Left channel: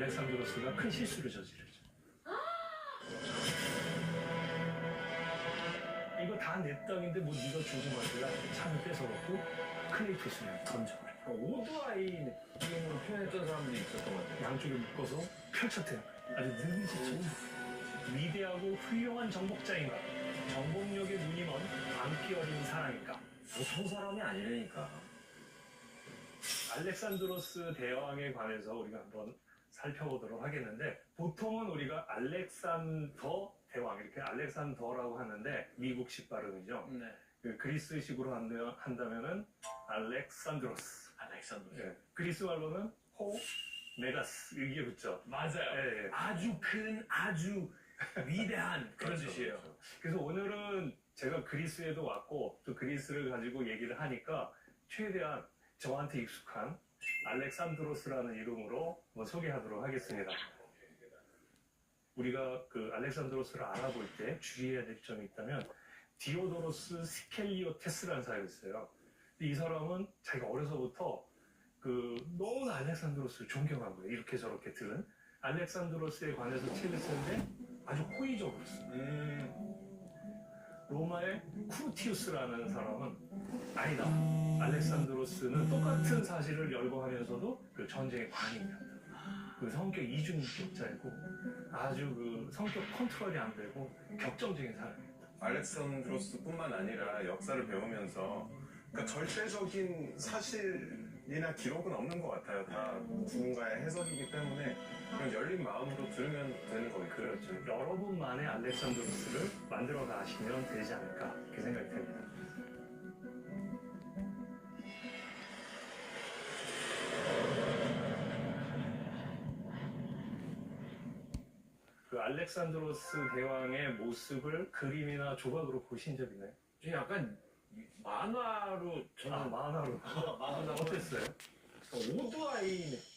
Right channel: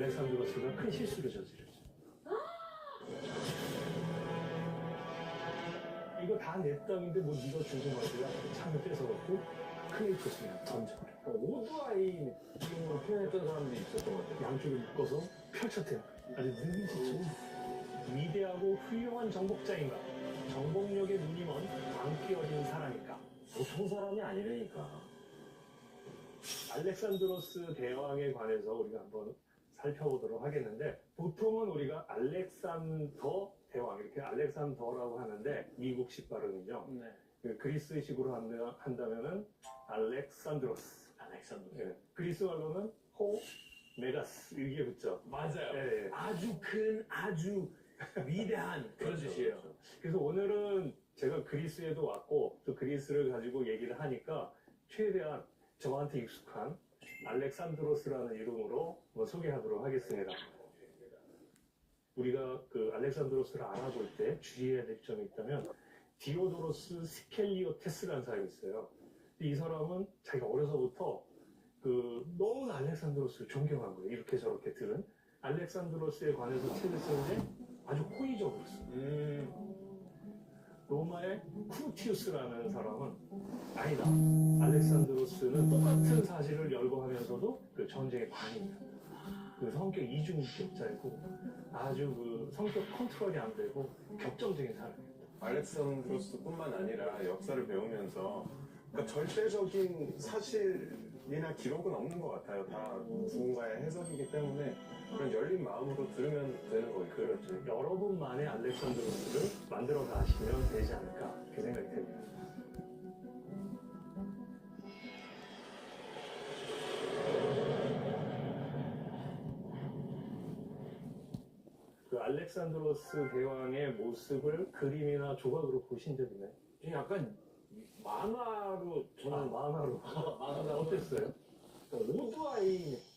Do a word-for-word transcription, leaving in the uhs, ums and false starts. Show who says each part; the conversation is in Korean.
Speaker 1: 알렉산드로스가 큰 실수를 저지르죠. 이거 다 내 땅인데 뭐 네가 주고 말이야. 창을 뺏어놓고 클레이토스를 던져버려.
Speaker 2: 오드아이 느낌으로 표현했던 사람들이 있었던 것 같아요.
Speaker 1: 양쪽에 묶어서 펼쳤대요. 아주 느리지죠. 위대하고 훌륭한 정복자인가? 정복력의 눈이 먼 광기 어린 사람인가?
Speaker 2: 보통 사람이 아니라니까.
Speaker 1: 알렉산드로스 대왕에 관해서 우리가 한번 살펴보도록 하겠는데, 보통은 우리가 알렉산더 대왕, 이렇게 알렉산더라고 하는데 미국식 발음이죠.
Speaker 2: 네.
Speaker 1: 그 그리스식으로 한다- 한다면은 알렉산드로스.
Speaker 2: 알렉산더.
Speaker 1: 예. 그리스 말로는 호 메가스 이게 붙죠.
Speaker 2: 맞아요.
Speaker 1: 예, 예.
Speaker 2: 아주 큰, 아주 위대한 그런
Speaker 1: 그렇죠,
Speaker 2: 뜻이에요.
Speaker 1: 그렇죠. 그래서 오늘은 제가 그리스에도 왔고 또 그리스를 가지고 얘기를 하니까 최대한 저한테 익숙한 알렉산드로스라는 이름으로 뭐 소개하도록 하겠습니다. 우리가 그 알렉산드로스를 알아볼 때 주의해야 될 점이 있다면 디오도로스 스켈리오테스라는 사람이 있어요. 근데 이 사람은 자기가 어려서부터 그 너무나 알렉산드로스를 존경한 거예요. 이렇게 저렇게 들은 알렉산드로스에 관해서 책을 쓰는데 아주 호의적으로 써.
Speaker 2: 음,
Speaker 1: 로마의 쿠르티우스라는 사람은 아니다. 알렉산드로스는 똑같은 사실을 열거하면서도 그 전쟁의 관인이었다. 그 성격 이중인격자이고 아주 그 성격 컨트롤이 안 되고 격정적인 사람이었다.
Speaker 3: 알렉산드로스뿐만 아니라 역사를 배우면서 그러니까 절대적인 사실이나 기록은 없는 것 같아요. 다 누군가의 해석이기 때문에 그런 열린 마음으로 들으면 되는 거겠죠.
Speaker 1: 그렇죠. 여러분만의 알렉산드로스를 만들어 가시면 되지 않을까 그렇게 생각이 됩니다. 그 알렉산드로스 대왕의 모습을 그림이나 조각으로 보신 적 있나요?
Speaker 2: 약간 만화로 저는
Speaker 1: 아, 만화로.
Speaker 2: 만화로
Speaker 1: 어땠어요?
Speaker 2: 오드아이